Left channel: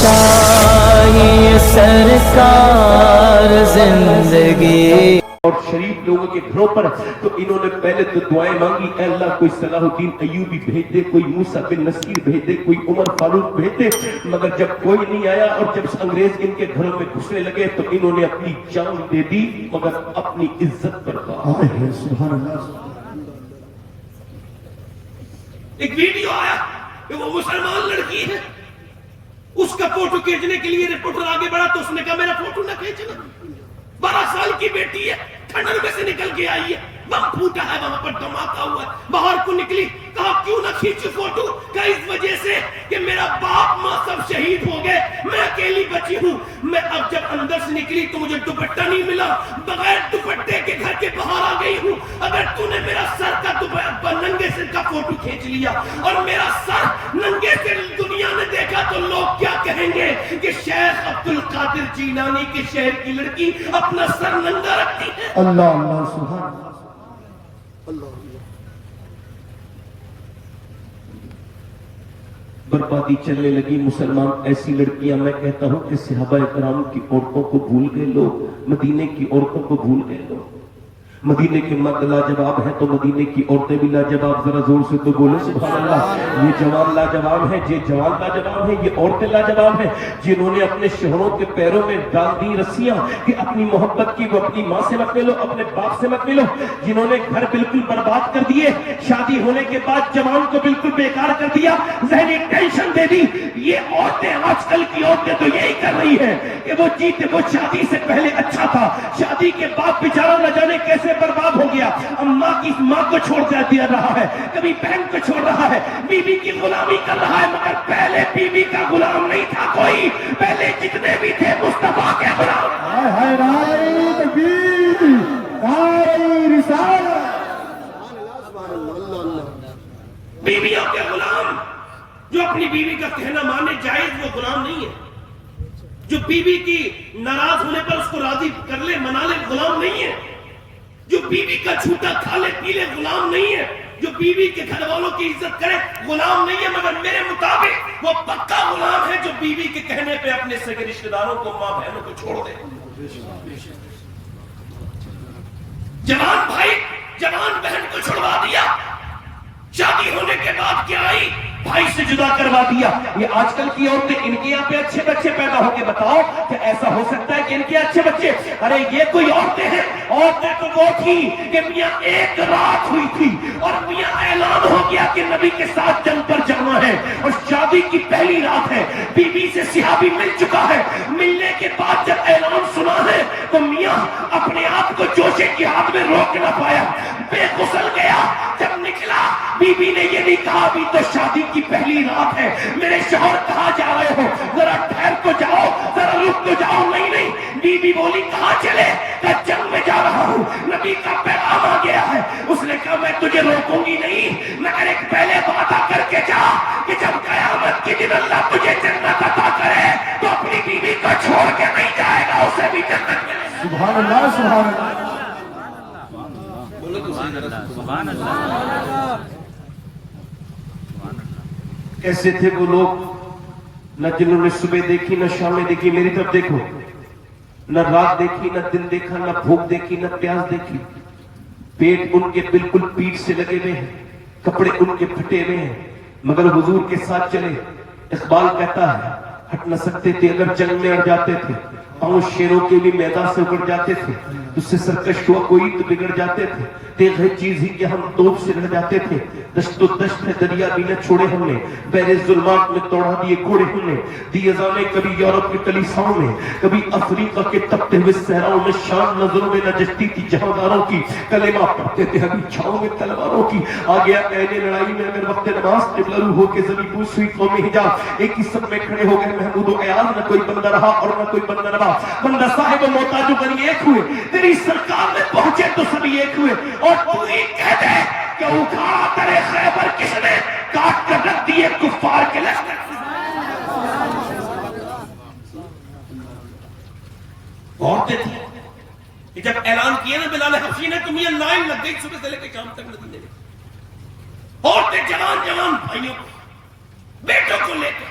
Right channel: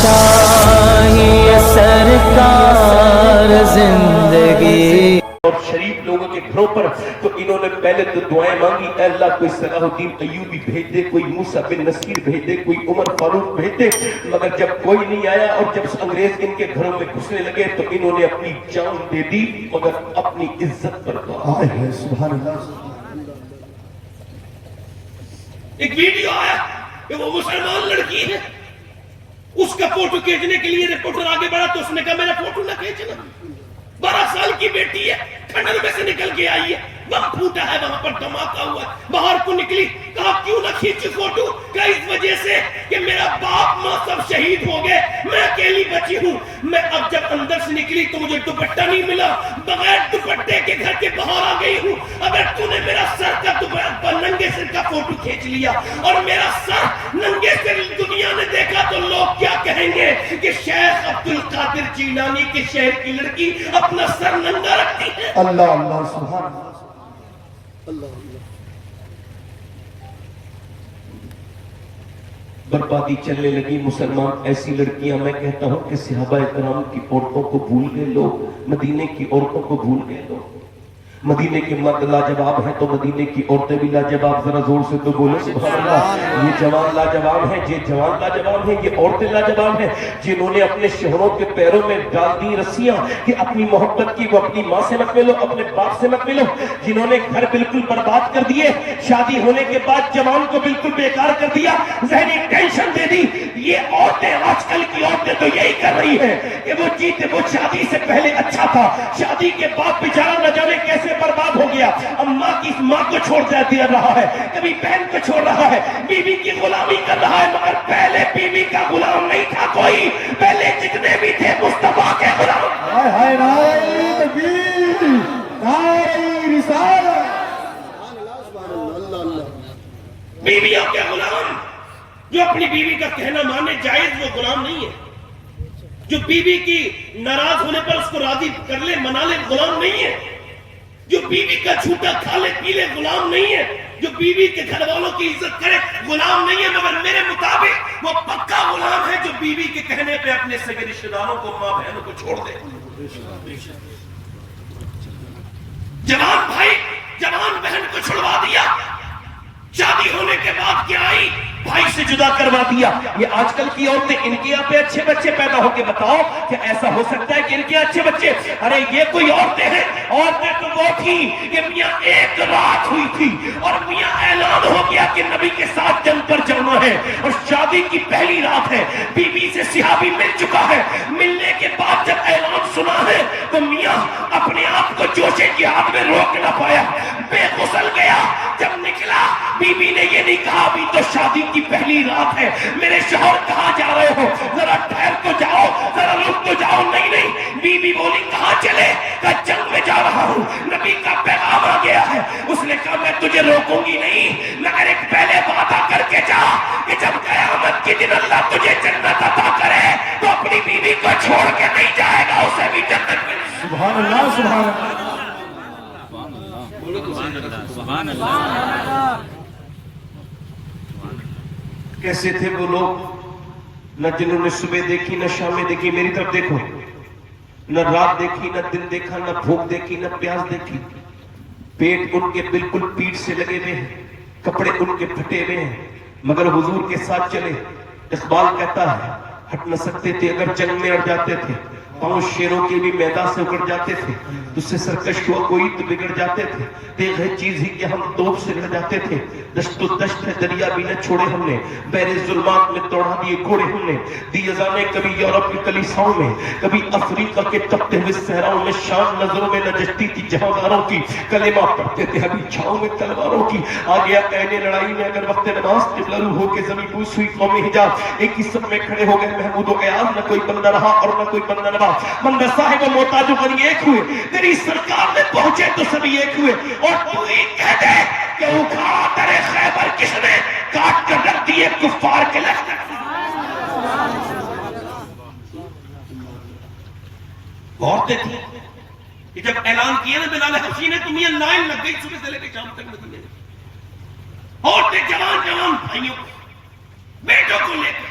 چاہیے سرکار زندگی. اور شریف لوگوں کے گھروں پر تو انہوں نے پہلے تو دعائیں مانگی، اے اللہ کوئی صلاح الدین ایوبی بھیج دے، کوئی موسیٰ بن نصیر بھیج دے، کوئی عمر فاروق بھیج دے. مگر جب کوئی نہیں آیا اور جب انگریز ان کے گھروں میں گھسنے لگے تو انہوں نے اپنی جان دے دی مگر اپنی عزت پر سبحان اللہ. ایک ویڈیو آیا کہ وہ مسلمان لڑکی ہے، اس کا فوٹو کھینچنے کے لیے رپورٹر آگے بڑھا تو اس نے کہا میرا فوٹو نہ کھینچنا. 12 سال کی بیٹی ہے، کھنڈر میں سے نکل کے آئی ہے، وہاں پھوٹا ہے، وہاں پر دھماکہ ہوا ہے، باہر کو نکلی. کہا کیوں نہ کھینچو فوٹو؟ کہا اس وجہ سے کہ میرا باپ ماں سب شہید ہو گئے، میں اکیلی بچی ہوں. میں اب جب اندر سے نکلی تو مجھے دوپٹہ نہیں ملا، بغیر دوپٹے کے گھر کے باہر آ گئی ہوں. اگر تو نے میرا سر کا ننگے سر کا فوٹو کھینچ لیا اور میرا سر ننگے سر دنیا نے دیکھا تو لوگ کیا کہیں گے کہ شیخ عبد القادر جیلانی کے شہر کی لڑکی اپنا سر ننگا رکھتی ہے. اللہ اللہ سبحان اللہ. بربادی چلنے لگی. مسلمان ایسی لڑکیاں، میں کہتا ہوں کہ صحابہ کرام کی عورتوں کو بھول گئے لوگ، مدینے کی عورتوں کو بھول گئے لوگ. مدینے کے مرد لاجواب ہیں تو مدینے کی عورتیں بھی لاجواب. ذرا زور سے تو بولو سبحان اللہ. یہ جوان لاجواب ہیں، یہ جوان لاجواب ہیں، یہ عورتیں لاجواب ہیں جنہوں نے اپنے شوہروں کے پیروں میں ڈال دی رسیاں کہ اپنی محبت کی وہ اپنی ماں سے مت ملو، اپنے باپ سے مت ملو. جنہوں نے گھر بالکل برباد کر دیے، شادی ہونے کے بعد جوان کو بالکل بیکار کر دیا، ذہنی ٹینشن دے دی. یہ عورتیں، آج کل کی عورتیں تو یہی کر رہی ہیں کہ وہ شادی سے پہلے اچھا تھا، شادی کے بعد بیچارہ نہ جانے کیسے برباد ہو گیا. ماں کو چھوڑ دیا رہا ہے، کبھی بہن کو چھوڑ رہا ہے، بیوی کی غلامی کر رہا ہے. مگر پہلے بیوی کا غلام نہیں تھا کوئی، پہلے جتنے بھی تھے مصطفیٰ کے غلام. بیویوں کے غلام. جو اپنی بیوی کا کہنا مانے جائز وہ غلام نہیں ہے. جو بیوی کی ناراض ہونے پر اس کو راضی کر لے، منا لے، غلام نہیں ہے. جو بیوی کا جھوٹا کھا لے پی لے، غلام نہیں ہے. جو بیوی کے گھر والوں کی عزت کرے، غلام نہیں ہے. مگر میرے مطابق وہ پکا غلام ہے جو بیوی کے کہنے پہ اپنے سگے رشتہ داروں کو، ماں بہنوں کو چھوڑ دے. جوان بھائی جوان بہن کو چھڑوا دیا، شادی ہونے کے بعد کیا آئی، بھائی سے جدا کروا دیا. یہ آج کل کی عورتیں، ان کے یہاں پہ اچھے بچے پیدا ہو کے بتاؤ کہ ایسا ہو سکتا ہے کہ ان کے اچھے بچے؟ ارے یہ کوئی عورتیں ہیں. عورتیں تو وہ تھی کہ میاں ایک رات ہوئی تھی اور میاں اعلان ہو گیا کہ نبی کے ساتھ جنگ پر جانا ہے اور شادی کی پہلی رات ہے، بیوی سے صحابی مل چکا ہے. ملنے کے بعد جب اعلان سنا ہے تو میاں اپنے آپ کو جوشے کی ہاتھ میں روک نہ پایا، بے غسل گیا. جب نکلا بیوی نے یہ نہیں کہا ابھی تو شادی کی پہلی رات ہے، میرے شوہر کہاں جا رہے ہو، ذرا ٹھہر تو جاؤ، ذرا رک تو جاؤ. نہیں بیوی بولی کہاں چلے؟ کہا جنگ میں جا رہا ہوں، نبی کا پیغام آ گیا ہے. اس نے کہا میں تجھے روکوں گی نہیں، مگر ایک پہلے وعدہ کر کے جا کہ جب قیامت کے دن اللہ تجھے جنت عطا کرے تو اپنی بیوی کو چھوڑ کے نہیں جائے گا، اسے بھی جنت ملے. سبحان اللہ سبحان اللہ. کیسے تھے وہ لوگ؟ نہ جنہوں نے صبح دیکھی نہ شامیں دیکھی. میری طرف دیکھو، نہ رات دیکھی نہ دن دیکھا، نہ بھوک دیکھی نہ پیاس دیکھی. پیٹ ان کے بالکل پیٹ سے لگے ہوئے ہیں، کپڑے ان کے پھٹے ہوئے ہیں، مگر حضور کے ساتھ چلے. اقبال کہتا ہے ہٹ نہ سکتے تھے اگر جنگ میں اڑ جاتے تھے، پاؤں شیروں کے بھی میدان سے اکڑ جاتے تھے. تجھ سے سرکش ہوا کوئی تو بگڑ جاتے تھے، تیغ ہے چیز ہی کہ ہم توپ سے لڑ جاتے تھے. دشت و دشت ہے دریا بھی نہ چھوڑے ہم نے، بحر ظلمات میں توڑا دیے گھوڑے ہم نے. دی ازانے کبھی یورپ کی کلیساؤں میں، کبھی افریقہ کے تپتے ہوئے صحراؤں میں. شام نظروں میں نہ جچتی تھی جہانداروں کی، کلمہ پڑھتے تھے ابھی چھاؤں میں تلواروں کی. آ گیا عین لڑائی میں اگر وقت نماز، قبلہ روح ہو کے زمین بوس ہوئی قوم حجاز. ایک ہی سب میں کھڑے ہو گئے محمود و ایاز، نہ کوئی بندہ رہا اور نہ کوئی بندہ رہا. بندہ صاحب و محتاج و غنی ایک ہوئے، تیری سرکار میں پہنچے تو سبھی ایک ہوئے. اور تو ہی کہہ دے کہ اکھاڑ ترے خیبر کس نے کاٹ کر رکھ دیے کفار کے لشکر. عورتیں تھیں کہ جب اعلان کیا نا بلال حبشی نے تو میاں لائن لگ گئی صبح سے لے کے شام تک مدینے میں. عورتیں جوان بھائیوں کو، بیٹوں کو لے کر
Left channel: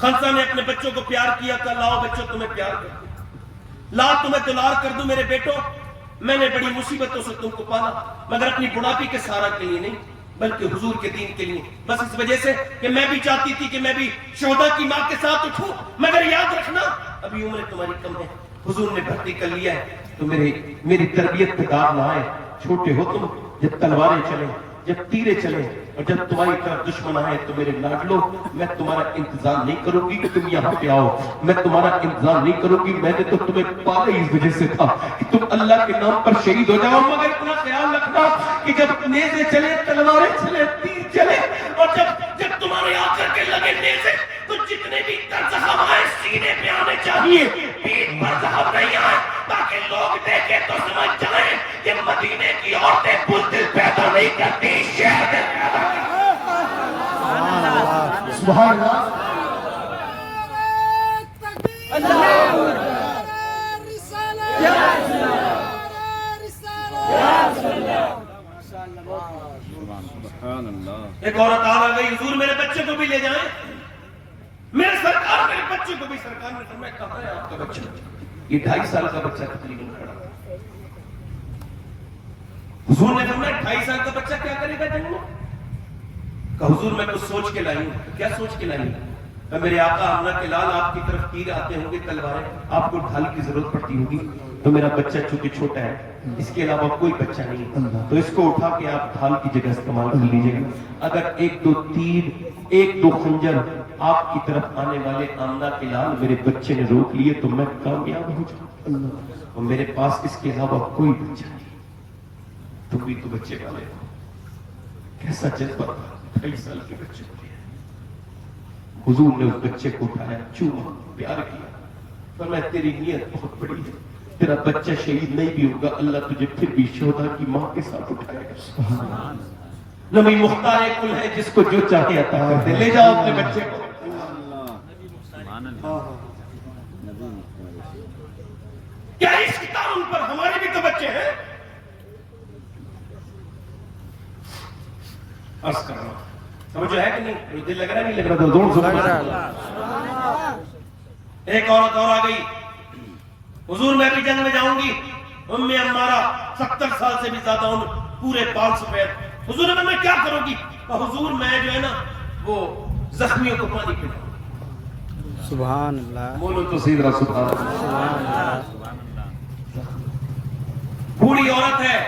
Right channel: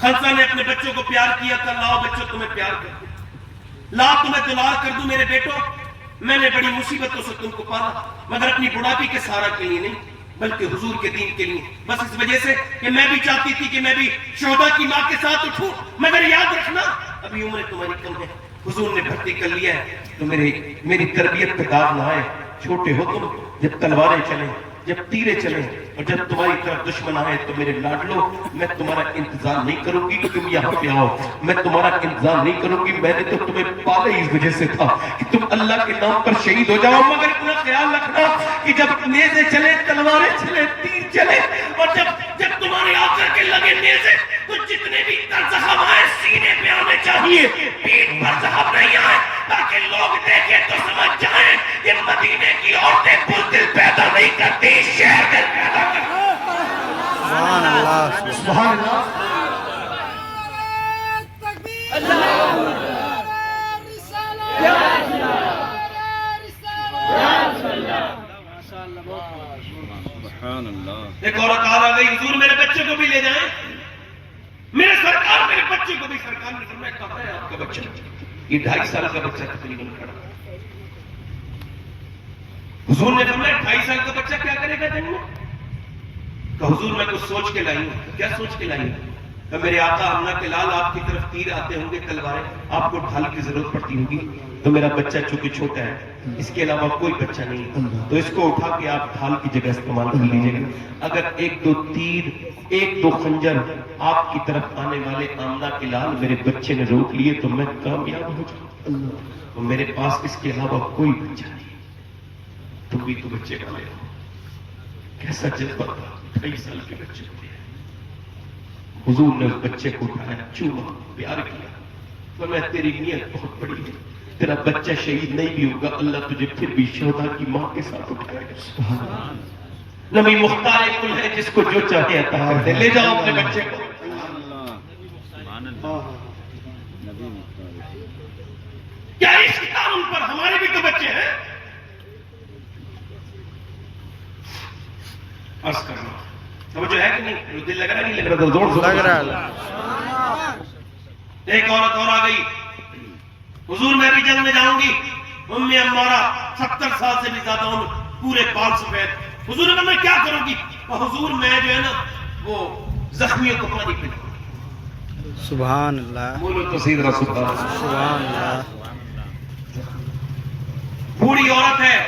خلصہ نے اپنے بچوں کو پیار کیا تھا. لاؤ بچوں تمہیں پیار کرتے، لا تمہیں دلال کر دوں میرے بیٹوں. میں نے بڑی مصیبتوں سے تم کو پالا، مگر اپنی بڑھاپی کے سہارا کے لیے نہیں بلکہ حضور کے دین کے لیے. بس اس وجہ سے کہ میں بھی چاہتی تھی کہ میں بھی شہداء کی ماں کے ساتھ اٹھوں. مگر یاد رکھنا ابھی عمر تمہاری کم ہے. حضور نے بھرتی کر لیا ہے تو میری تربیت پہ داغ نہ آئے. چھوٹے ہو تم، جب تلواریں چلیں، جب تیرے چلیں اور جب تمہاری طرف دشمن آئے تو میرے لاڈلو میں تمہارا انتظام نہیں کروں گی کہ تم یہاں پہ آؤ. میں تمہارا انتظام نہیں کروں گی. میں نے تو تمہیں پالا اس وجہ سے تھا کہ تم اللہ کے نام پر شہید ہو جاؤ. مگر اتنا خیال رکھنا کہ جب نیزے چلے، تلواریں چلے، تیر چلے اور جب تمہارے آ کر کے لگے نیزے تو جتنے بھی زخم آئے سینے پہ آنے چاہیے، پیٹ پر زخم نہیں آئے، تاکہ لوگ دیکھیں تو سمجھ جائیں یہ مدینے کی عورتیں بزدل پیدا نہیں کرتی، شہر دل پیدا کرتی. سبحان اللہ سبحان اللہ. ایک عورت آ گئی، حضور میرے بچے کو بھی لے جائیں. میرے سرکار میرے بچے کو بھی. سرکار نے فرمایا کہاں ہے آپ کا بچہ؟ یہ 2.5 سال کا بچہ تقریباً کھڑا. حضور نے فرمایا 2.5 سال کا بچہ کیا کرے گا جنگ میں؟ کہ حضور میں کچھ سوچ کے لائی ہوں. کیا سوچ کے لائی ہوں؟ کہ میرے آقا آمنہ کے لال آپ کی طرف تیر آتے ہوں گے، تلواریں، آپ کو ڈھال کی ضرورت پڑتی ہوگی تو میرا بچہ چونکہ چھوٹا ہے، اس کے علاوہ کوئی بچہ نہیں ہے، تو اس کو اٹھا کے آپ ڈھال کی جگہ استعمال کر لیجیے گا. اگر 1-2 تیر، 1-2 خنجر آپ کی طرف آنے والے آمنہ کے لال میرے بچے نے روک لیے تو میں کامیاب ہو جاؤں. اور میرے پاس اس کے علاوہ کوئی بچہ نہیں. تم بھی تو بچے کا لے. کیسا جذبہ تھا 2.5 سال کے بچے کو دیا. حضور نے اس بچے کو اٹھایا، چوما، پیار کیا. فرمایا تیری نیت بہت بڑی ہے، تیرا بچہ شہید نہیں بھی ہوگا، اللہ تجھے پھر بھی شہداء کی ماں کے ساتھ اٹھائے گا. نبی مختار کل ہے جس کو جو چاہے عطا کرتے. لے جاؤ اپنے بچے کو. کیا اس کی تعلیم پر ہمارے بھی تو بچے ہیں. عرض کر رہا ہوں سمجھو ہے کہ نہیں؟ دل لگ رہا نہیں لگ رہا؟ تو زور سے لگ رہا ہے. ایک عورت اور آ گئی، حضور میں بھی جنگ میں جاؤں گی. ام عمارہ 70 سال سے بھی زیادہ عمر، پورے 5 سفید. حضور نے کہا میں کیا کروں گی؟ اور حضور میں جو ہے نا وہ زخمیوں کو پانی پلاؤں. سبحان اللہ بولو تو سیدھا سبحان اللہ. سبحان اللہ. بوڑھی عورت ہے،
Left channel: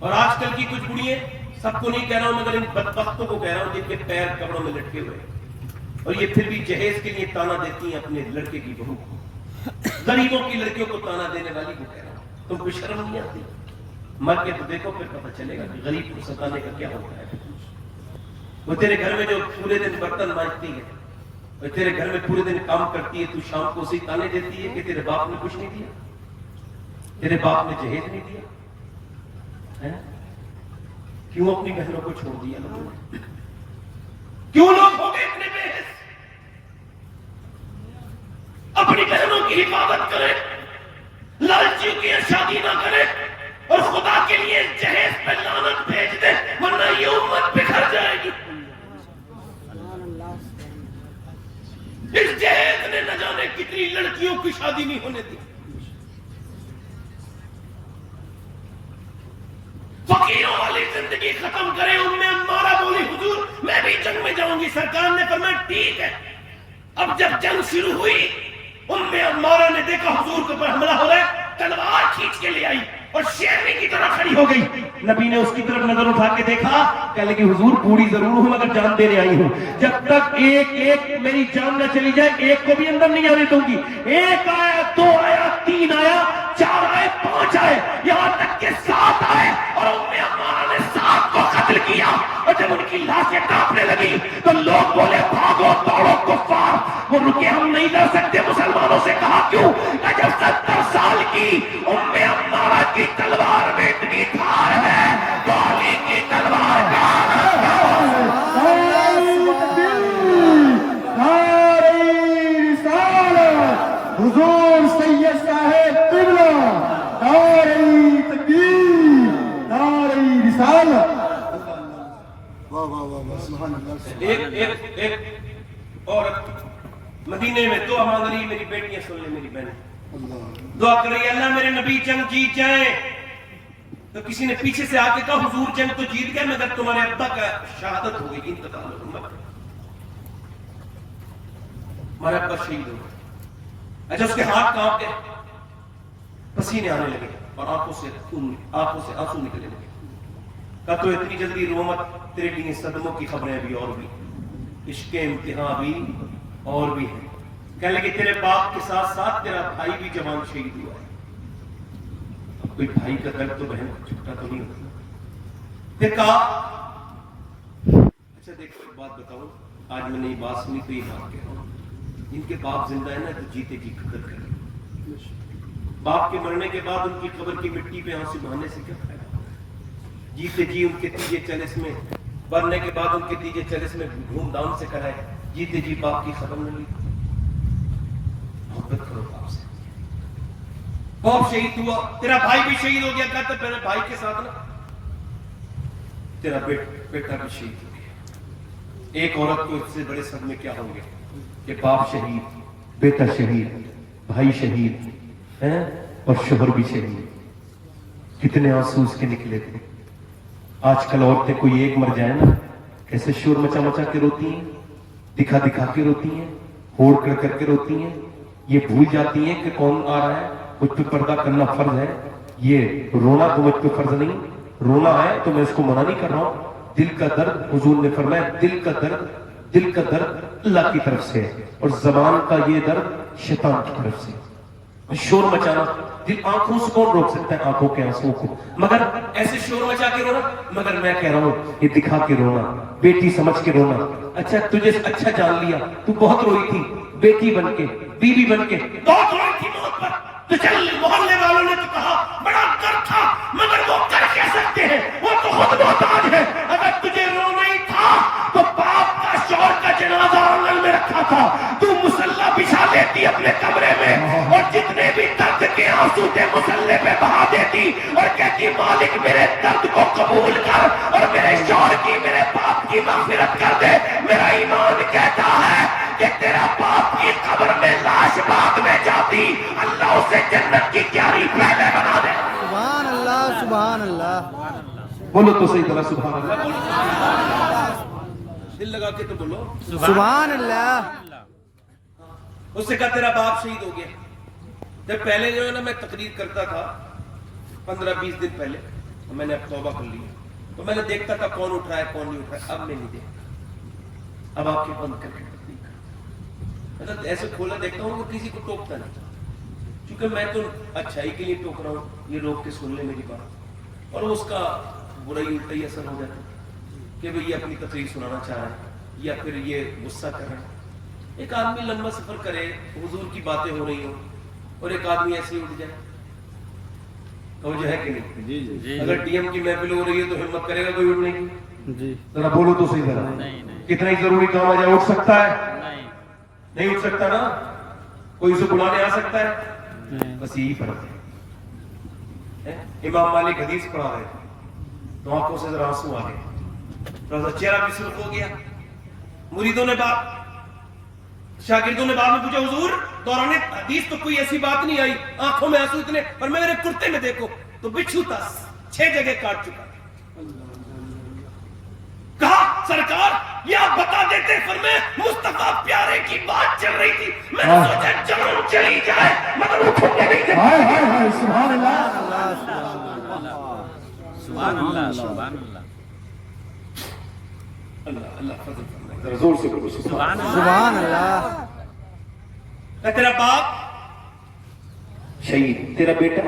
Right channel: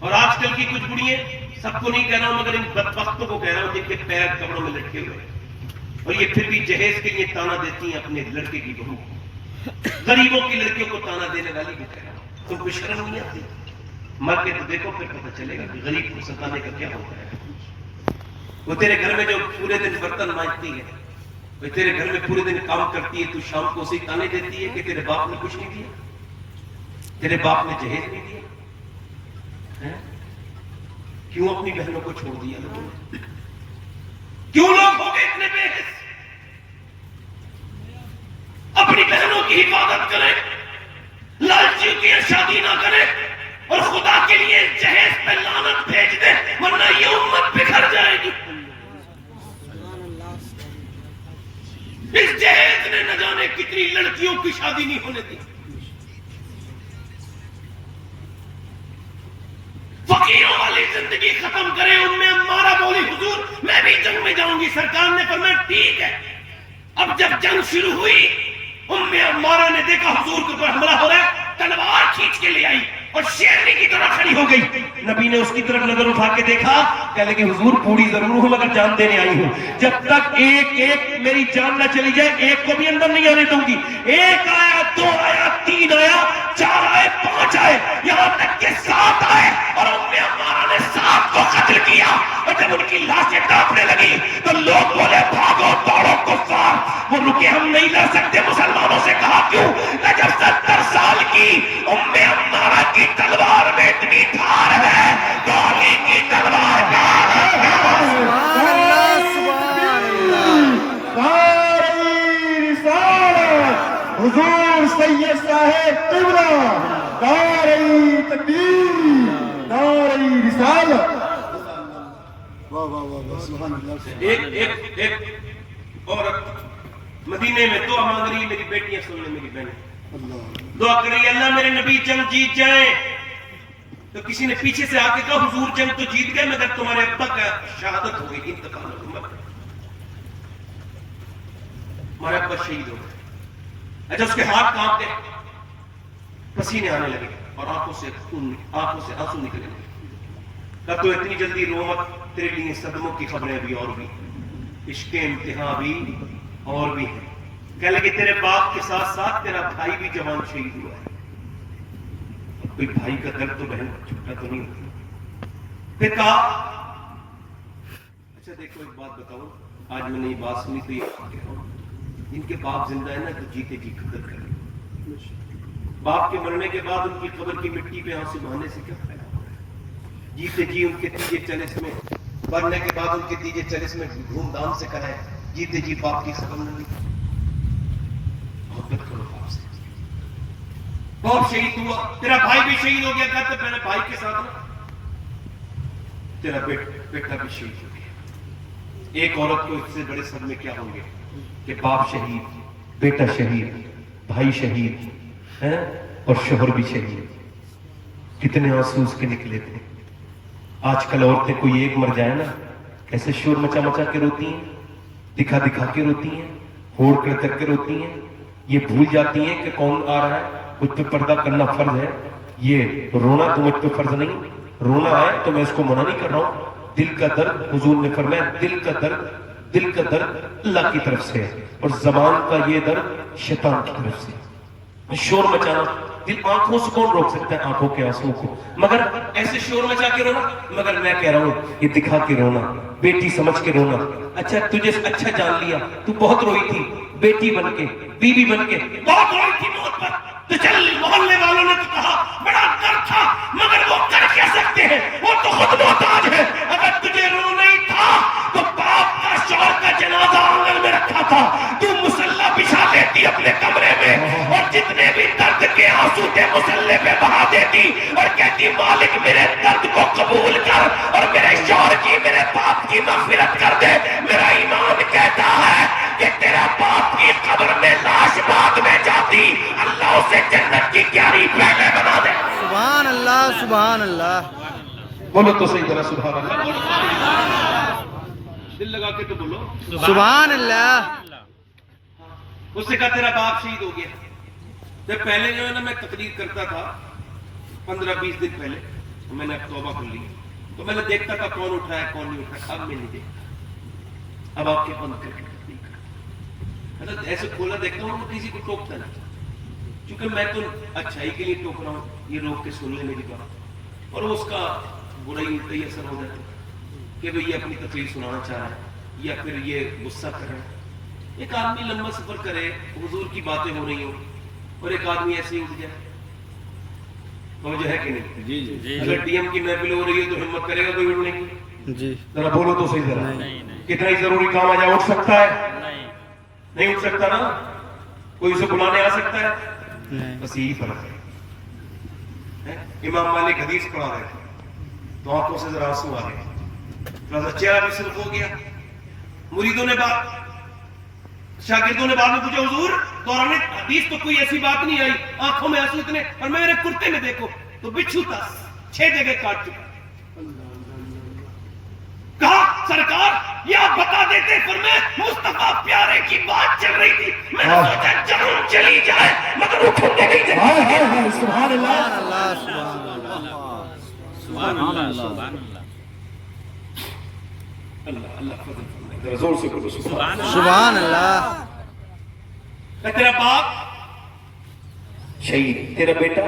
اور آج کل کی کچھ بوڑھیاں، سب کو نہیں کہہ رہا ہوں مگر ان بدبختوں کو کہہ رہا ہوں جن کے پیر کپڑوں میں لٹکے ہوئے، اور یہ پھر بھی جہیز کے لیے تانا دیتی ہیں اپنے لڑکے کی بہو کو. غریبوں کی لڑکیوں کو تانا دینے والی کو کہہ رہا ہوں تم کو شرم نہیں آتی؟ مر کے تو دیکھو پھر پتہ چلے گا کہ غریب کو ستانے کا کیا ہوتا ہے. وہ تیرے گھر میں جو پورے دن برتن مانجتی ہے، اور تیرے گھر میں پورے دن کام کرتی ہے، تو شام کو اسی تانے دیتی ہے کہ تیرے باپ نے کچھ نہیں دیا، تیرے باپ نے جہیز نہیں دیا. کیوں اپنی بہنوں کو چھوڑ دیا لوگوں نے؟ کیوں لوگ ہو گئے اتنے بے حس؟ اپنی بہنوں کی حفاظت کریں، لالچیوں کی شادی نہ کریں، اور خدا کے لیے جہیز پہ لعنت بھیج دیں، ورنہ یہ امت بکھر جائے گی. اس جہیز نے نہ جانے کتنی لڑکیوں کی شادی نہیں ہونے دی. فقیروں والی زندگی ختم کرے. ام عمارہ بولی حضور میں بھی جنگ میں جاؤں گی. سرکار نے فرمایا ٹھیک ہے. اب جب جنگ شروع ہوئی، ام عمارہ نے دیکھا حضور کے اوپر حملہ ہو رہا ہے، تلوار کھینچ کے لے آئی اور شیرنی کی طرح کھڑی ہو گئی. نبی نے اس کی طرف نظر اٹھا کے دیکھا، کہنے کہ حضور بوڑھی ضرور ہوں مگر جان دینے آئی ہوں. جب تک ایک میری جان نہ چلی جائے ایک کو بھی اندر نہیں آنے دوں گی. 1 آیا، 2 آیا، 3 آیا، 4 آئے، 5 آئے، یہاں تک کہ 7 آئے، اور ام عمارہ نے 7 کو قتل کیا. اور جب ان کی لاشیں کانپنے لگی تو لوگ بولے بھاگو دوڑو کفار. وہ رکے، ہم نہیں لڑ سکتے. مسلمانوں سے کہا کیوں؟ کہ جب 70 سال کی ام عمارہ کی تلوار میں اتنی دھار ہے تو علی کی تلوار میں سبحان اللہ سبحان اللہ. نعرہ رسالت حضور سید صاحب قبلہ، نعرہ تکبیر. ایک عورت مدینے میں دعا مانگ رہی ہے، میری بیٹیاں سن لیں، میری بہنیں دعا کر رہی ہے، اللہ میرے نبی جنگ جیت جائیں. تو کسی نے پیچھے سے آ کے کہا حضور جنگ تو جیت گئے مگر تمہارے ابا کا شہادت ہو گئی، انتقال ہو گیا، ہمارا ابا شہید ہو گیا. اچھا اس کے ہاتھ کانپ گئے، پسینے آنے لگے اور آنکھوں سے آنسو نکلنے لگے. کہا تو اتنی جلدی رو مت، تیرے لیے صدموں کی خبریں بھی اور بھی، عشق امتحان بھی اور بھی ہیں. کہنے لگے تیرے باپ کے ساتھ ساتھ تیرا بھائی بھی جوان شہید ہوا ہے. کوئی بھائی کا درد تو بہن چھوٹا تو نہیں ہوتا. پھر کہا اچھا دیکھو ایک بات بتاؤ، آج میں نے یہ بات سنی تو یہ کہہ رہا ہوں، جن کے باپ زندہ ہے نا تو جیتے جی قدر کریں. باپ کے مرنے کے بعد ان کی قبر کی مٹی پہ آنسو بہانے سے کیا فائدہ؟ جیتے جی ان کے تیجے چلس میں، مرنے کے بعد ان کے تیجے چلس میں دھوم دھام سے کرائے. جیتے جی باپ کی خبر نہیں. محبت کرو باپ سے. باپ شہید ہوا، تیرا بھائی بھی شہید ہو گیا. کہتا میرے بھائی کے ساتھ نا تیرا بیٹا بھی شہید ہو گیا. ایک عورت کو اس سے بڑے صدمے کیا ہوں گے کہ باپ شہید، بیٹا شہید، بھائی شہید ہے اور شوہر بھی شہید. کتنے آنسو اس کے نکلے تھے. آج کل عورتیں کوئی ایک مر جائے نا کیسے شور مچا مچا کے روتی ہیں، دکھا دکھا کے روتی ہیں، ہوڑ کر کر کے روتی ہیں. یہ بھول جاتی ہیں کہ کون آ رہا ہے. مجھ پہ پردہ کرنا فرض ہے، یہ رونا تو مجھ پہ فرض نہیں. رونا ہے تو میں اس کو منع نہیں کر رہا ہوں. دل کا درد حضور نے فرمایا دل کا درد اللہ کی طرف سے ہے اور زبان کا یہ درد شیطان کی طرف سے. شور مچانا دل آنکھوں سے کون روک سکتا ہے آنکھوں کے آنسوں کو، مگر ایسے شور مچا کے رونا. مگر میں کہہ رہا ہوں یہ دکھا کے رونا، بیٹی سمجھ کے رونا. اچھا تجھے اچھا جان لیا، تو بہت روئی تھی بیٹی بن کے، بیوی بن کے بہت روئی تھی موت پر. تو چل محلے والوں نے تو کہا بڑا درد تھا مگر وہ کر کہہ سکتے ہیں، وہ تو خود محتاج ہے. اگر تجھے رونا ہی تھا تو باپ کا شوہر کا جنازہ آنگن میں رکھا تھا، تو مسلح بچھا دیتی اپنے کمرے میں اور جتنے بھی درد کے آنسو تھے مسلح پہ بہا دیتی اور کہتی مالک میرے درد کو قبول کر اور میرے شوہر کی، میرے باپ کی مغفرت کر دے. میرا ایمان کہتا ہے کہ تیرا باپ کی قبر میں لاش بعد میں جاتی، اللہ اسے جنت کی کیاری پہلے بنا دے. سبحان اللہ سبحان اللہ. بولو تو صحیح طرح سبحان اللہ. دل لگا کے تو بولو سبحان اللہ. اس سے کہا تیرا باپ شہید ہو گیا. تو پہلے جو ہے نا میں تقریر کرتا تھا 15-20 دن پہلے، میں نے اب توبہ کر لی تو میں نے دیکھتا تھا کون اٹھ رہا ہے کون نہیں اٹھ رہا. اب میں نہیں دیکھتا. اب آپ کے بند کر کے مطلب ایسے کھولا دیکھتا ہوں تو کسی کو ٹوکتا نہیں، کیونکہ میں تو اچھائی کے لیے ٹوک رہا ہوں. یہ روک کے سن لے میری بات اور اس کا برائی الٹا ہی اثر ہو جاتا ہے کہ بھئی یہ اپنی تقریر سنانا چاہ رہا ہے یا پھر یہ غصہ کر رہا ہے. ایک آدمی لمبا سفر کرے، حضور کی باتیں ہو رہی ہوں اور ایک آدمی ایسے ہی اٹھ جائے، تو جو ہے کہ نہیں. اگر ڈی ایم کی محفل ہو رہی ہے تو ہمت کرے گا کوئی اٹھنے کی؟ جی ذرا بولو تو صحیح ذرا. کتنا ہی ضروری کام آ جائے اٹھ سکتا ہے؟ نہیں اٹھ سکتا نا. کوئی اسے بلانے آ سکتا ہے؟ بس یہی فرق ہے. امام مالک حدیث پڑھا رہے تھے تو آنکھوں سے ذرا آنسو آ گئے، تھوڑا سا چہرہ بھی سرخ ہو گیا. مریدوں نے شاگردوں نے بعد میں پوچھا حضور دوران حدیث تو کوئی ایسی بات نہیں آئی، آنکھوں میں آنسو اتنے، اور میں میرے کرتے میں دیکھو تو بچھو تھا 6 جگہ کاٹ چکا. کہا سرکار یہ آپ بتا دیتے، فرمایا مصطفیٰ پیارے کی بات چل رہی تھی، میں نے سوچا جان چلی جائے مگر اٹھوں گے نہیں. سبحان اللہ. سبحان اللہ سبحان اللہ. اللہ فضل فرمائے. زور سے بولو سبحان اللہ. تیرا باپ شہید، تیرا بیٹا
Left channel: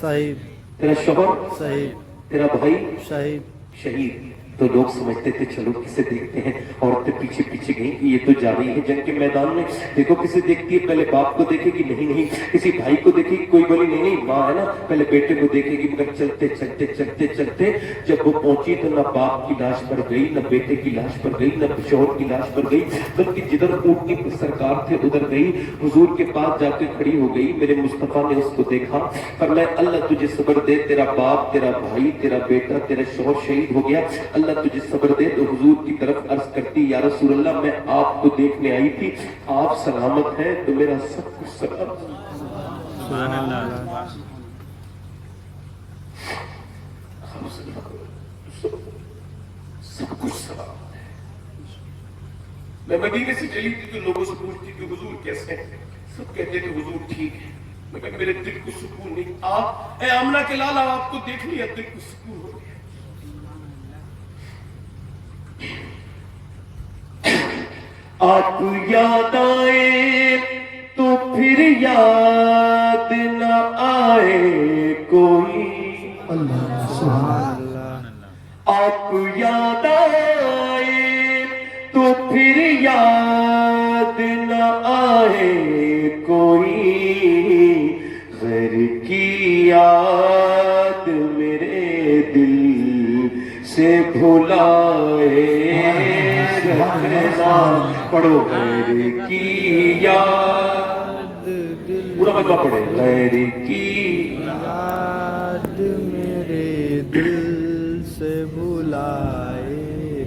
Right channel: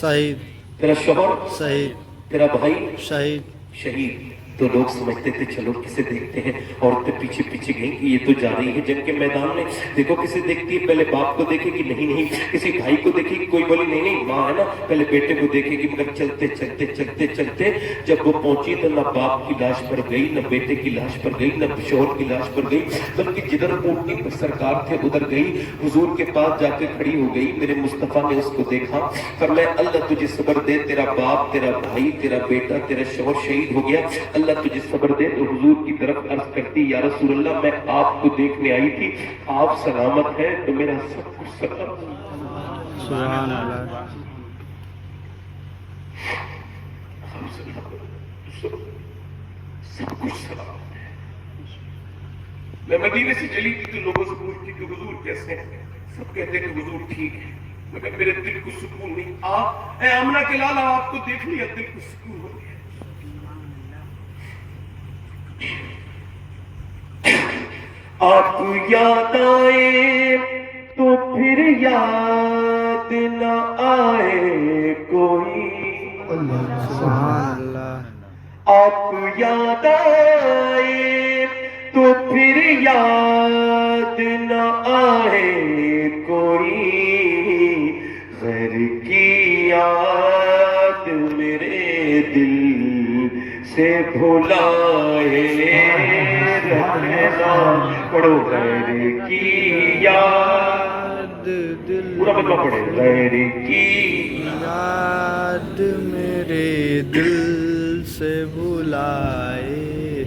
شہید، تیرا شوہر شہید، تیرا بھائی شہید. شہید. تو لوگ سمجھتے تھے چلو کسے دیکھتے ہیں، عورتیں پیچھے پیچھے گئیں کہ یہ تو جا رہی ہے جنگ کے میدان میں. دیکھو کسے دیکھتی ہے، پہلے باپ کو دیکھے گی، نہیں کسی بھائی کو دیکھے گی، کوئی بولی نہیں ماں ہے نا، پہلے بیٹے کو دیکھے گی. مگر چلتے چلتے چلتے چلتے جب وہ پہنچی تو نہ باپ کی لاش پر گئی، نہ بیٹے کی لاش پر گئی، نہ شوہر کی لاش پر گئی، بلکہ جدھر اونٹنی سرکار تھے ادھر گئی. حضور کے پاس جا کے کھڑی ہو گئی. میرے مصطفیٰ نے اس کو دیکھا، فرمایا اللہ تجھے صبر دے، تیرا باپ، تیرا بھائی، تیرا بیٹا، تیرا شوہر شہید ہو گیا. اللہ اللہ تجھے صبر دے. تو حضور کی طرف عرض کرتی یا رسول اللہ میں آپ کو دیکھنے آئی تھی, آپ سلامت ہیں تو میرا سب کچھ سلامت ہے. سبحان اللہ. سب کچھ سلامت ہے. میں مدینے سے چلی تھی تو لوگوں سے پوچھتی کہ حضور کیسے ہیں, سب کہتے کہ حضور ٹھیک ہے. مگر میرے دل کو سکون نہیں. آپ اے آمنہ کے لالا آپ کو دیکھ لیا دل کو سکون ہو گیا. آپ یاد آئے تو پھر یاد نہ آئے کوئی. سبحان اللہ. آپ یاد آئے تو پھر یاد نہ آئے کوئی. غیر کی یاد میرے دل سے بھلائے رکھنا. پڑھو غیر کی یاد, دل پورا مکہ پڑھے. غیر کی یاد میرے دل سے بلائے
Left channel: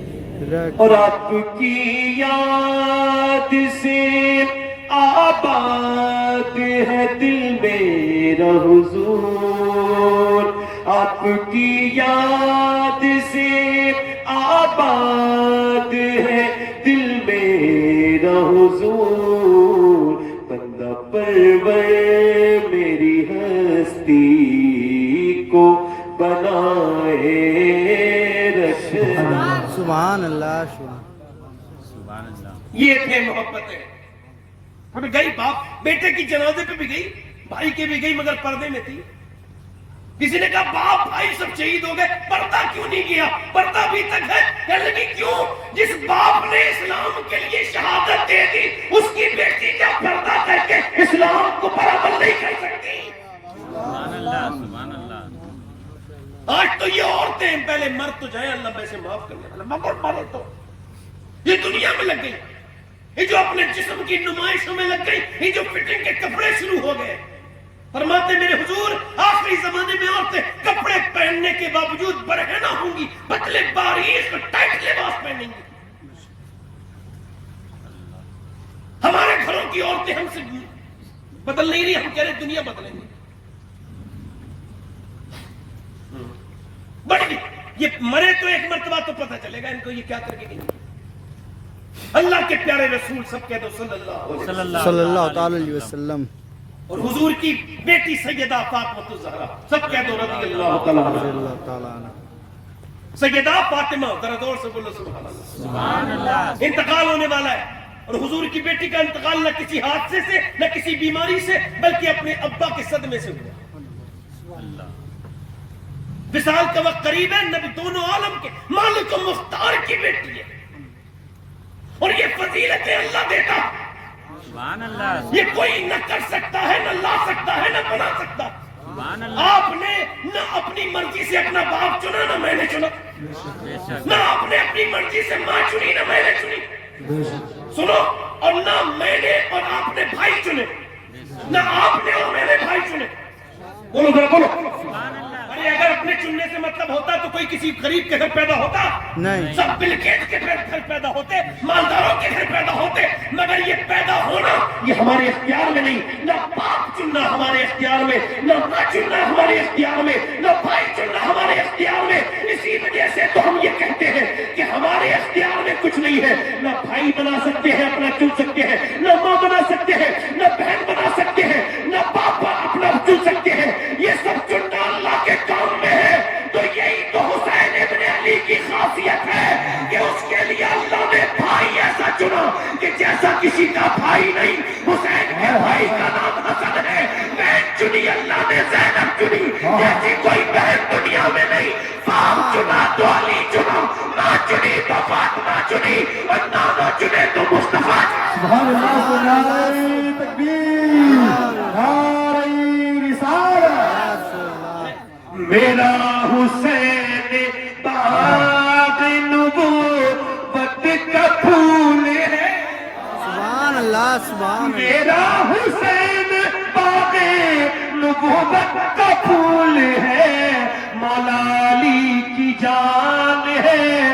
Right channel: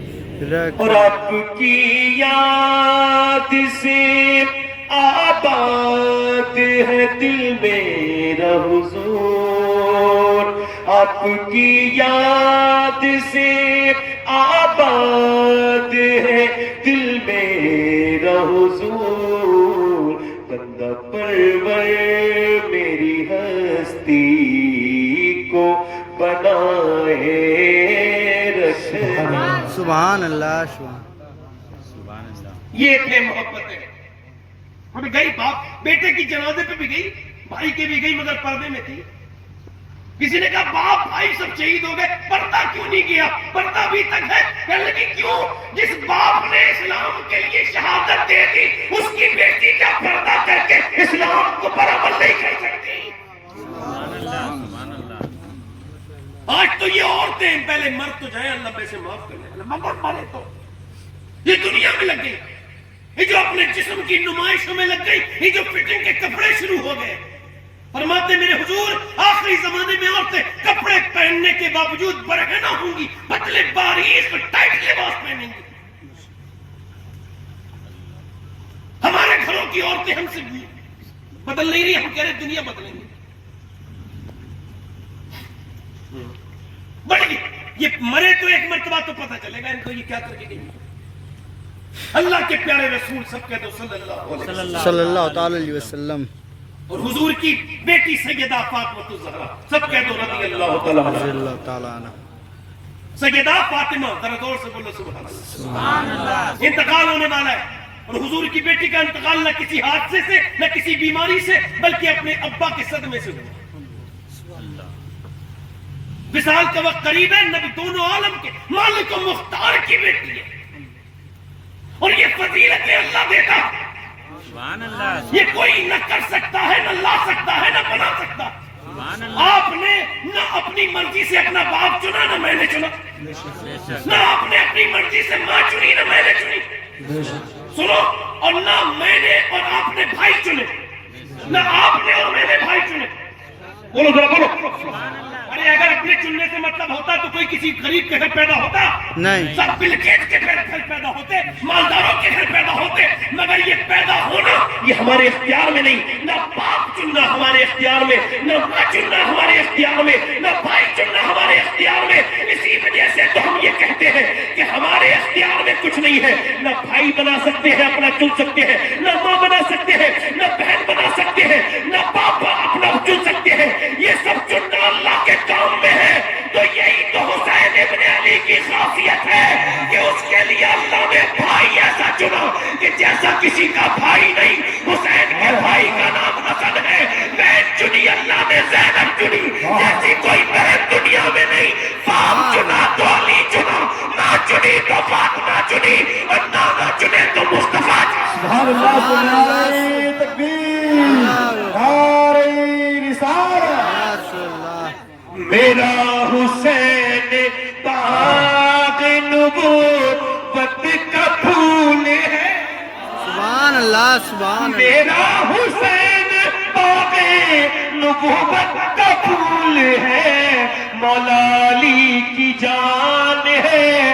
رکھ. اور آپ کی یاد سے آباد ہے دل میرا حضور. آپ کی یاد سے آباد ہے دل میرا حضور. بندہ پرور میری ہستی کو بنائے رکھنا. سبحان اللہ. سبحان اللہ. یہ تھے محبتیں. اب گئی باپ بیٹے کی جنازے پہ بھی گئی, بھائی کے بھی گئی, مگر پردے میں تھی. کسی نے کہا باپ بھائی سب شہید ہو گئے, پردہ کیوں نہیں کیا؟ پردہ بھی تک ہے. کہنے لگی کیوں؟ جس باپ نے اسلام کے لیے شہادت دے دی اس کی بیٹی کا پردہ کر کے اسلام کو برابر نہیں کر سکتی. آج تو یہ عورتیں پہلے مر تو جائیں, اللہ بے سے معاف کرنے والا, مگر مرے تو یہ دنیا میں لگ گئی. یہ جو اپنے جسم کی نمائشوں میں لگ گئی, یہ جو فٹنگ کے کپڑے شروع ہو گئے. فرماتے میرے حضور آخری زمانے میں عورتیں کپڑے پہننے کے باوجود برہنہ ہوں گی, پتلے باریک ٹائٹ لباس پہنیں گی. ہمارے گھروں کی عورتیں ہم سے بدل نہیں رہی, ہم کہہ رہے دنیا بدلیں گے. بڑی یہ مرے تو ایک مرتبہ تو پتہ چلے گا ان کو یہ کیا کر کے نہیں. اللہ کے پیارے رسول سب کہہ دو صلی اللہ تعالی علیہ وسلم. اور حضور کی بیٹی سیدہ فاطمہ الزہرا سب کہہ دو رضی اللہ تعالی رضی اللہ تعالیٰ عنہ. سیدہ فاطمہ, ذرا زور سے بولو سبحان اللہ. انتقال ہونے والا ہے, اور حضور کی بیٹی کا انتقال نہ کسی حادثے سے نہ کسی بیماری سے بلکہ اپنے ابا کے صدمے سے ہوا. وصال کا وقت قریب ہے. نبی دونوں عالم کے مالک و مختار کی بیٹی ہے, اور یہ فضیلتیں اللہ دیتا. یہ کوئی نہ کر سکتا ہے, نہ لا سکتا ہے, نہ بنا سکتا. آپ نے نہ اپنی مرضی سے اپنا باپ چنا, نہ میں نے چنا. نہ آپ نے اپنی مرضی سے ماں چنی, نہ میں نے چنی. سنو, اور نہ میں نے اور آپ نے بھائی چنے, نہ آپ نے اور میں نے بھائی چنے. بولو ذرا بولو. ارے اگر اپنے چننے سے مطلب ہوتا تو کوئی کسی غریب کے گھر پیدا ہوتا نہیں. سب بل گیٹس کے گھر پیدا ہوتے, مالداروں کے گھر پیدا ہوتے. مگر یہ پیدا ہونا یہ ہمارے اختیار میں نہیں. نہ باپ چننا ہمارے اختیار میں, نہ ماں چننا ہمارے اختیار میں, نہ بھائی چننا ہمارے اختیار میں. اسی وجہ سے تو ہم یہ کہتے ہیں کہ ہمارے اختیار میں کچھ نہیں ہے. نہ بھائی بنا سکتے ہیں اپنا چن سکتے ہیں, نہ ماں بنا سکتے ہیں, نہ بہن بنا سکتے ہیں, نہ باپ اپنا چن سکتے ہیں. یہ سب چننا اللہ کے کام میں ہے. تو یہی تو حسین ابن علی کی خاصیت ہے کہ اس کے لیے اللہ نے بھائی ایسا چنا کہ جیسا کسی کا بھائی نہیں. حسین کے بھائی کا نام حسن ہے. بہن چنی اللہ نے زینب چنی, جیسی کوئی بہن دنیا میں نہیں. باپ چنا تو علی چنا, ماں چنی تو فاطمہ چنی, اور نانا چنے تو مصطفیٰ. سبحان اللہ, سبحان اللہ, تکبیر, نعرہ رسالت. میرا حسین باغ نبوت کا پھول ہے. سبحان اللہ. سبحان اللہ. میرا حسین باغ نبوت کا پھول ہے. مولا علی کی جان ہے,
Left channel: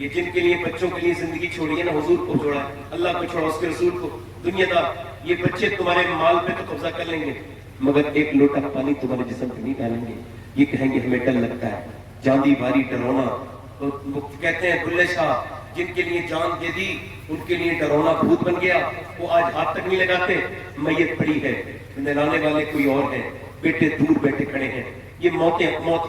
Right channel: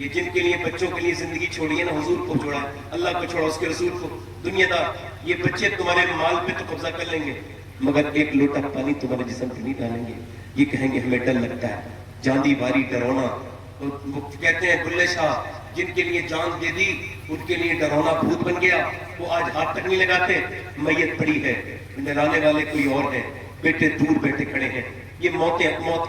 یہ جن کے لیے بچوں کے لیے زندگی چھوڑی ہے نا، حضور کو چھوڑا ہے، اللہ کو چھوڑا، اس کے رسول کو، دنیا دار یہ بچے تمہارے مال پہ تو قبضہ کر لیں گے مگر ایک لوٹا پانی تمہارے جسم پہ نہیں ڈالیں گے. یہ کہیں گے ہمیں ڈر لگتا ہے، جاندی باری ڈرونا. وہ کہتے ہیں بلے شاہ جن کے لیے جان دے دی ان کے لیے ڈرونا بھوت بن گیا، وہ آج ہاتھ تک نہیں لگاتے. میت پڑی ہے، نہلانے والے کوئی اور ہیں، بیٹے دور بیٹھے کھڑے ہیں. یہ موت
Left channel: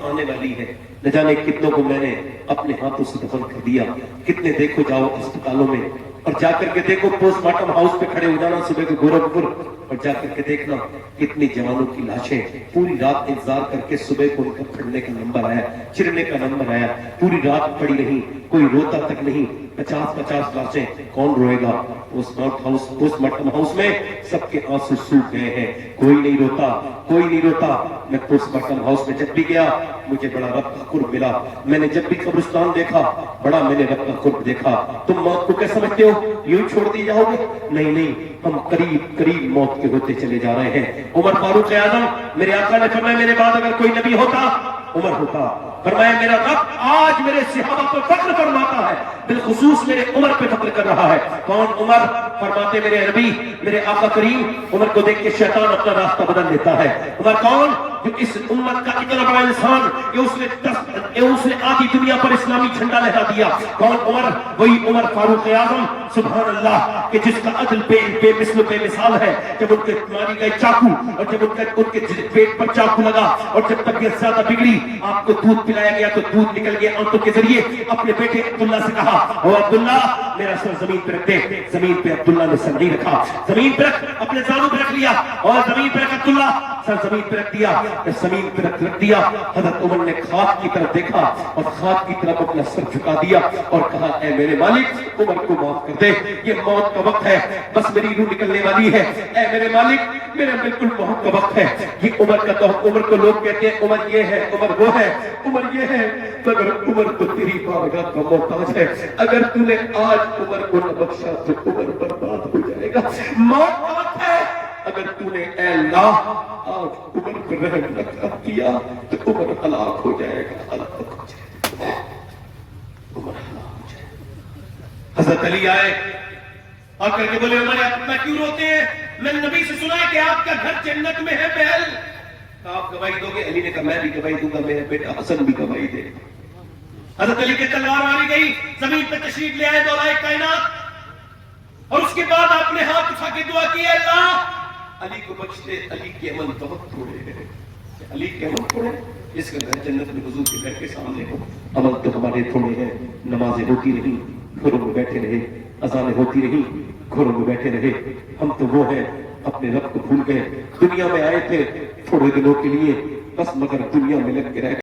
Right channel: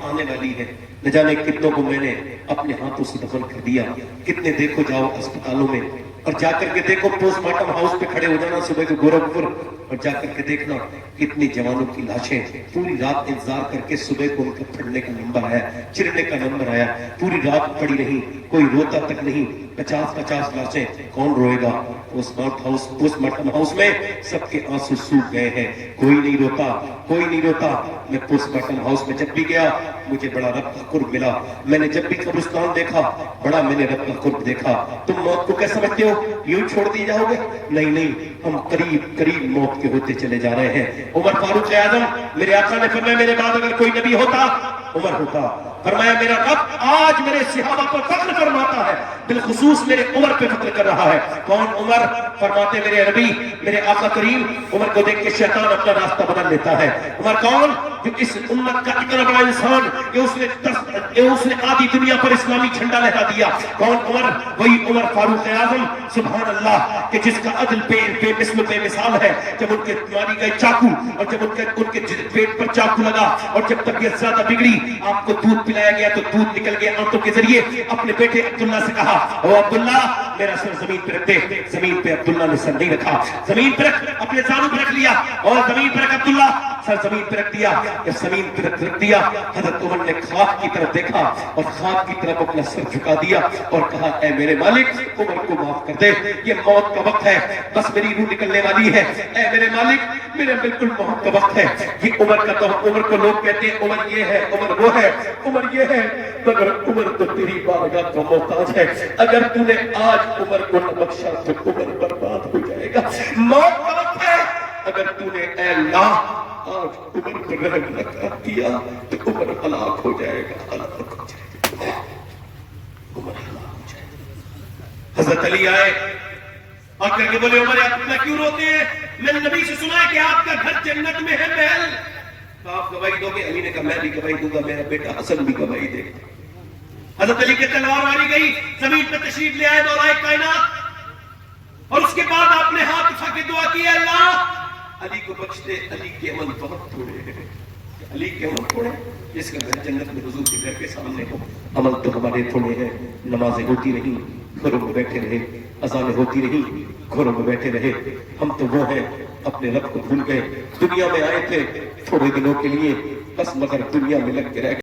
آنے والی ہے. نہ جانے کتنوں کو میں نے اپنے ہاتھوں سے دفن کر دیا. کتنے دیکھو جاؤ اسپتالوں میں اور جا کر کے دیکھو پوسٹ مارٹم ہاؤس پہ کھڑے ہو جانا صبح کے گورکھپور اور جا کر کے دیکھنا کتنی جوانوں کی لاشیں پوری رات انتظار کر کے صبح کو ان کا پھڑنے کا نمبر آیا، چرنے کا نمبر آیا، پوری رات پڑی رہی، کوئی روتا تک نہیں. 50 لاشیں کون روئے گا؟ پوسٹ مارٹم ہاؤس میں سب کے آنسو سوکھ گئے ہیں، کوئی نہیں روتا، کوئی نہیں روتا. میں پوسٹ مارٹم ہاؤس میں جب بھی گیا مجھے بڑا رب کا قرب ملا. میں نے جب بھی قبرستان دیکھا بڑا میں نے رب کا قرب دیکھا. تم موت کو کیا سمجھتے ہو؟ یوں چھوڑ دی جاؤ گے؟ نہیں نہیں، ہم قریب قریب موت کے ہوتے چلے جا رہے ہیں. عمر فاروق اعظم میرے آقا نے فرمایا میرے بعد اگر کوئی نبی ہوتا عمر ہوتا. فرمایا میرا رب آج میرے صحابہ پر فخر فرماتا ہے، بالخصوص میرے عمر پہ فخر کر رہا ہے. کون عمر؟ فرماتے میرے نبی میرے آقا کریم. عمر کو دیکھ کے شیطان اپنا راستہ بدل لیتا ہے. عمر کون؟ جو اس امت کا اتنا بڑا انسان اس نے آدھی دنیا پر اسلامی جھنڈا لہرا دیا. کون عمر؟ وہی عمر فاروق اعظم سبحان اللہ کہ جس کا عدل بے مثل بے مثال ہے. جب ان کے ماری گئے چاقو اور جب ان کے پیٹ پر چاقو لگا اور جب طبیعت زیادہ بگڑی آپ کو دودھ پلایا گیا تو دودھ نکل گیا آنتوں کے ذریعے. اپنے بیٹے عبداللہ سے کہا او عبداللہ میرا سر زمین پہ رکھ دے. زمین پہ عبداللہ نے سر نہیں رکھا، زمین پہ رکھ، اپنے زانوں پہ رکھ لیا اور زمین پہ رکھ عبداللہ، سر زمین پہ رکھ دیا. جب زمین پہ رکھ دیا حضرت عمر نے خاک کی طرف دیکھا اور خاک کی طرف اپنا سر جھکا دیا اور کہا اے میرے مالک عمر کو معاف کر دے، یہ موت کا وقت ہے، بس میری روح نکلنے والی ہے. اے میرے مالک میرے بالکل موت کا وقت ہے. یہ عمر کا تو عمر کو لوگ کہتے ہیں عمر یہ ہے، عمر وہ ہے، عمر یہ ہے، مگر عمر تو تیری بارگاہ کا محتاج ہے. اگر تو نے آج عمر کو نہ بخشا تو عمر برباد ہو جائے گا. موت کا وقت ہے، اگر تو نے اے اللہ آج عمر پر رحم نہ کیا تو عمر ہلاک ہو جائے گا، ہلاک ہو جائے گا، عمر ہلاک ہو جائے گا. حضرت علی آئے اور کر کے بولے عمر آپ اتنا کیوں روتے ہیں؟ میں نے نبی سے سنا ہے کہ آپ کا گھر جنت میں ہے محل. آپ گواہی دو گے؟ علی نے کہا میں بھی گواہی دوں گا، میرا بیٹا حسن بھی گواہی دے. حضرت علی کی تلوار ماری گئی، زمین پہ تشریف لے آئے دولائے کائنات اور اس کے بعد آپ نے ہاتھ اٹھا کے دعا کی اللہ علی کو بخش دے. علی کے عمل بہت تھوڑے ہیں، علی کے عمل تھوڑے، جس کا گھر جنت میں حضور کے گھر کے سامنے ہو. عمل تو ہمارے تھوڑے ہیں، نمازیں ہوتی رہی گھروں میں بیٹھے رہے، اذانیں ہوتی رہی گھروں میں بیٹھے رہے. ہم تو وہ ہیں اپنے رب کو بھول گئے. دنیا میں آئے تھے تھوڑے دنوں کے لیے بس، مگر دنیا میں لگ کے رہ گئے.